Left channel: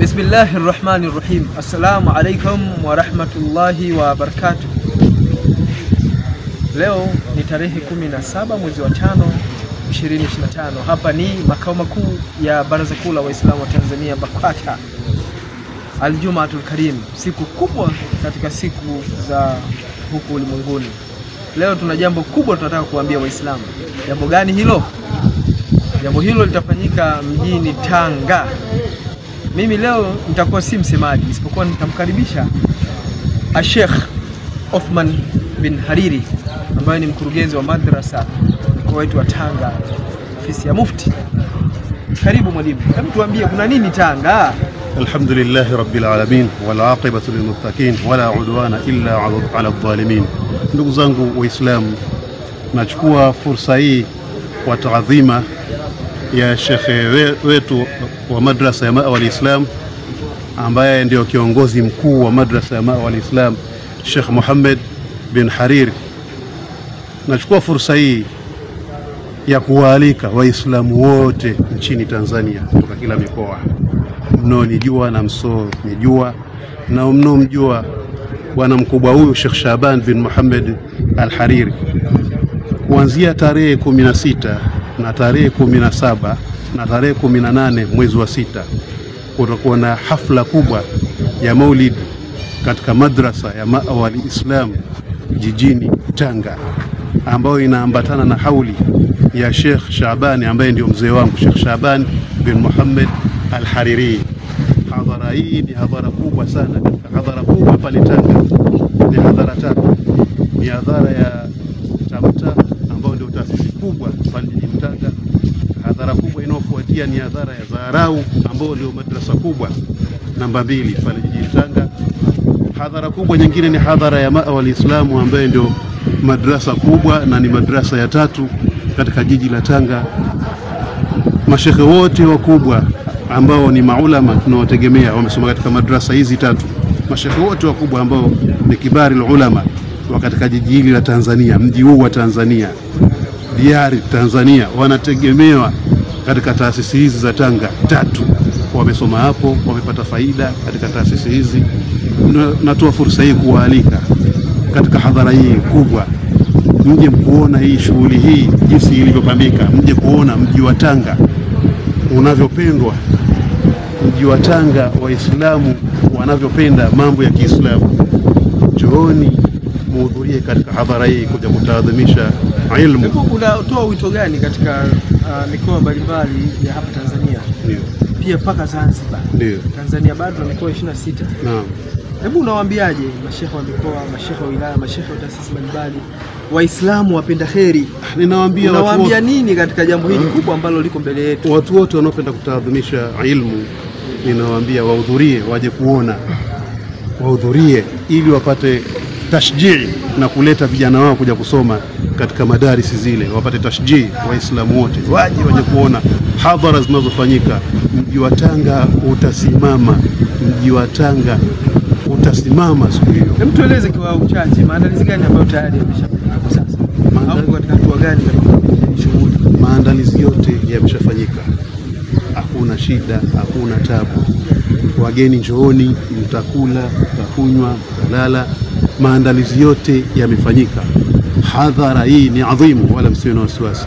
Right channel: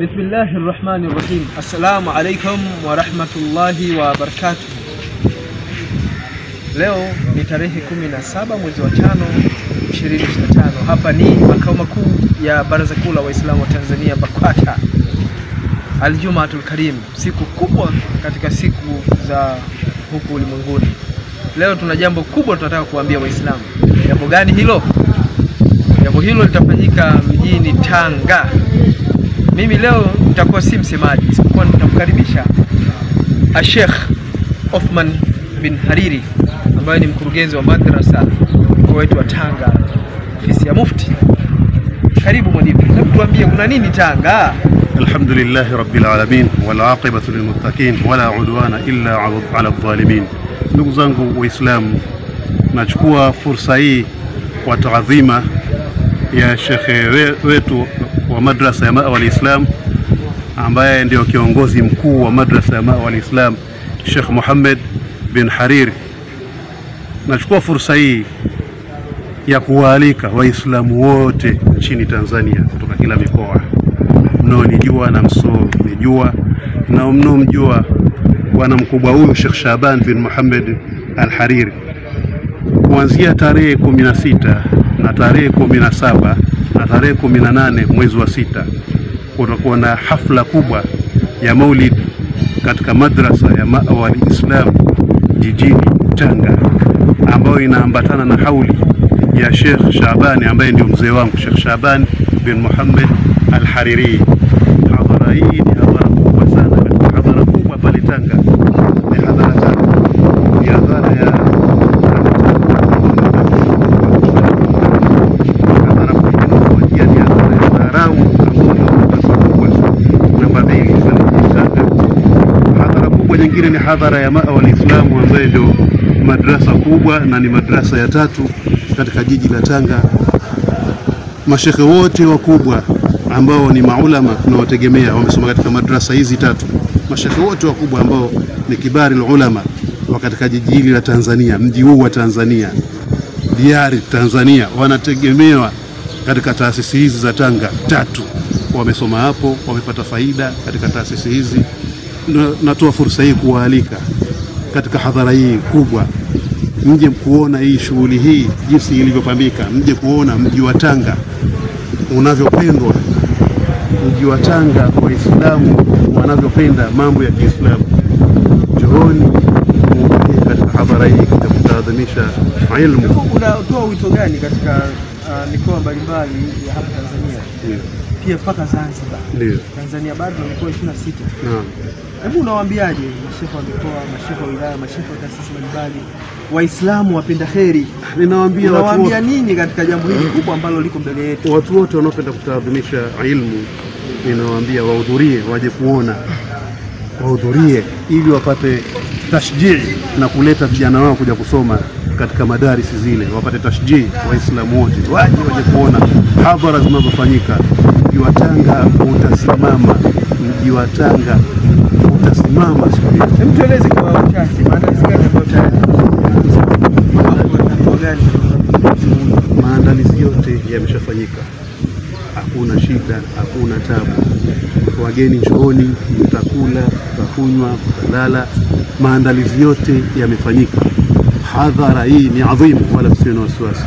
Bismillahirrahmanirrahim. Assalamu alaikum wa rahmatullahi wa barakatuh. Leo ni tarehe 17 mwezi wa 5 2025. Hapa ni makao makuu ya Baraza Kuu la Waislamu wa Tanzania BAKWATA. Al-Jum'atul Karim, siku kubwa katika siku za huku ulimwenguni. Leo tuna jambo kubwa tunataka kuambia Waislamu. Jambo gani hilo? Jambo hilo litafanyika mjini Tanga. Mimi leo nitakuwa si msemaji, isipokuwa nitamkaribisha Sheikh Othman bin Hariri ambaye ni mkurugenzi wa madrasa mkoa wetu wa Tanga, ofisi ya Mufti. Karibu mwalimu. Hebu tuambie kuna nini Tanga? Alhamdulillah rabbil alamin wal aqibatu lil muttaqin wala udwana illa ala adh-dhalimin. Ndugu zangu Waislamu, nachukua fursa hii kwa taadhima ya shekhe wetu wa madrasa ya Ma'wa al-Islam ambaye ndio kiongozi mkuu wa madrasa ya Ma'wa al-Islam, Sheikh Muhammad bin Hariri. Nachukua fursa hii ya kuwaalika Waislamu wote nchini Tanzania kutoka kila mikoa, mnaonijua na msonijua na mnomjua bwana mkubwa huyu Sheikh Shaban bin Muhammad al-Hariri, kuanzia tarehe 16 na tarehe 17 na tarehe 18 mwezi wa 6 kutakuwa na hafla kubwa ya Maulid katika madrasa ya Ma'wa al-Islam jijini Tanga, ambayo inaambatana na hauli ya Sheikh Shaban ambaye ndio mzee wangu, Sheikh Shaban bin Muhammad al-Hariri. Hadhara hii ni hadhara kubwa sana, hadhara kubwa pale Tanga. Ni hadhara tatu, ni hadhara ya hadhara kubwa nyingine ni hadhara ya Ma'wa al-Islam ambayo ndio madrasa kubwa na ni madrasa ya tatu katika jiji la Tanga. Mashekhe wote wakubwa ambao ni maulama tunawategemea wamesoma katika madrasa hizi tatu. Mashekhe wote wakubwa ambao ni kibari ulama wa katika jiji hili la Tanzania, mji huu wa Tanzania, diari Tanzania, wanategemewa katika taasisi hizi za Tanga tatu. Wamesoma hapo, wamepata faida katika taasisi hizi. Natoa fursa hii kuwaalika katika hadhara hii kubwa, mje kuona hii shughuli hii jinsi ilivyopambika, mje kuona mji wa Tanga unavyopendwa, mji wa Tanga Waislamu wanavyopenda mambo ya Kiislamu. Njooni muhudhurie katika hadhara hii kuja kutaadhimisha ilmu. Unatoa wito gani katika mikoa mbalimbali ya hapa Tanzania? Pia mpaka Zanzibar. Tanzania bado na mikoa 26. Naam. Hebu unawaambiaje mashehe wa mikoa, mashehe wa wilaya, mashehe wa taasisi mbalimbali, Waislamu wapenda kheri? Ninawaambia unawaambia nini katika jambo hili kubwa ambalo liko mbele yetu? Watu wote wanaopenda kutaadhimisha ilmu, ninawaambia wahudhurie, waje kuona, wahudhurie ili wapate tashjii na kuleta vijana wao kuja kusoma katika madarisi zile, wapate tashjii. Waislamu wote waje kuona hadhara zinazofanyika. Mji wa Tanga utasimama, mji wa Tanga utasimama siku hiyo. Hebu tueleze kwa uchache maandalizi gani ambayo tayari yameshafanyika? Hapo kuna hatua gani za shughuli? Maandalizi yote yameshafanyika. Hakuna shida, hakuna tabu. Wageni njooni, mtakula, mtakunywa, mtalala. Maandalizi yote yamefanyika. Hadhara hii ni adhimu, wala msiwe na wasiwasi.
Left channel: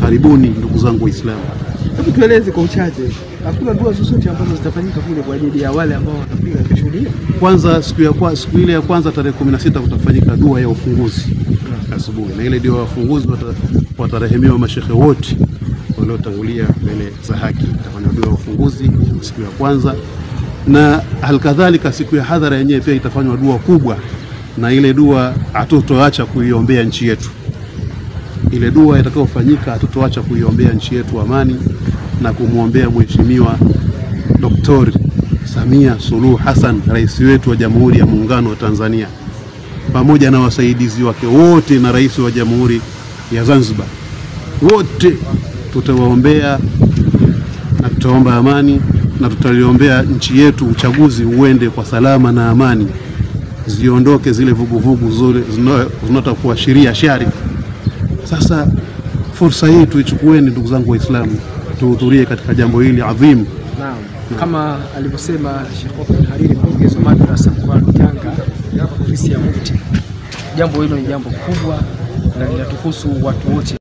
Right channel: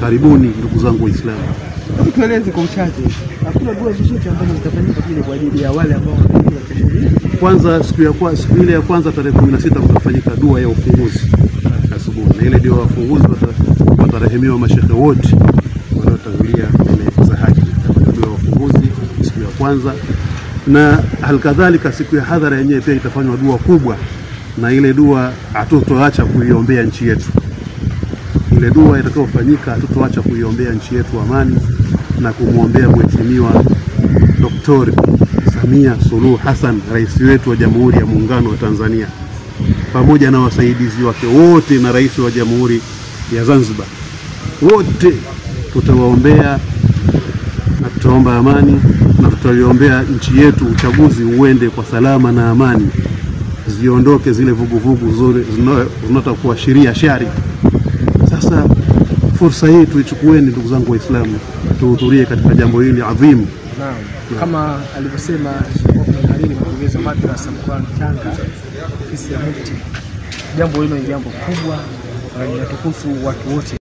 Karibuni ndugu zangu Waislamu. Hebu tueleze kwa uchache, hakuna dua zozote ambazo zitafanyika kule kwa ajili ya wale ambao watakuja kushuhudia? Kwanza siku ile ya kwanza tarehe 16 kutafanyika dua ya ufunguzi asubuhi, na ile ndio wafunguzi watarehemiwa mashekhe wote waliotangulia ile za haki. Itafanywa dua ya ufunguzi siku ya kwanza, na halikadhalika siku ya hadhara yenyewe pia itafanywa dua kubwa, na ile dua hatutoacha kuiombea nchi yetu. Ile dua itakayofanyika hatutoacha kuiombea nchi yetu amani na kumuombea Mheshimiwa Dr. Samia Suluhu Hassan, rais wetu wa Jamhuri ya Muungano wa Tanzania, pamoja na wasaidizi wake wote na rais wa Jamhuri ya Zanzibar. Wote tutawaombea na tutaomba amani, na tutaliombea nchi yetu uchaguzi uende kwa salama na amani. Ziondoke zile vuguvugu zote zinatakuwa sheria shari. Sasa fursa hii tuichukueni ndugu zangu Waislamu, tuhudhurie katika jambo hili adhimu. Naam. Kama alivyosema Sheikh Othman Hariri, mkurugenzi wa madrasa mkoani Tanga, ofisi ya Mufti, jambo hilo ni jambo kubwa na linatuhusu watu wote.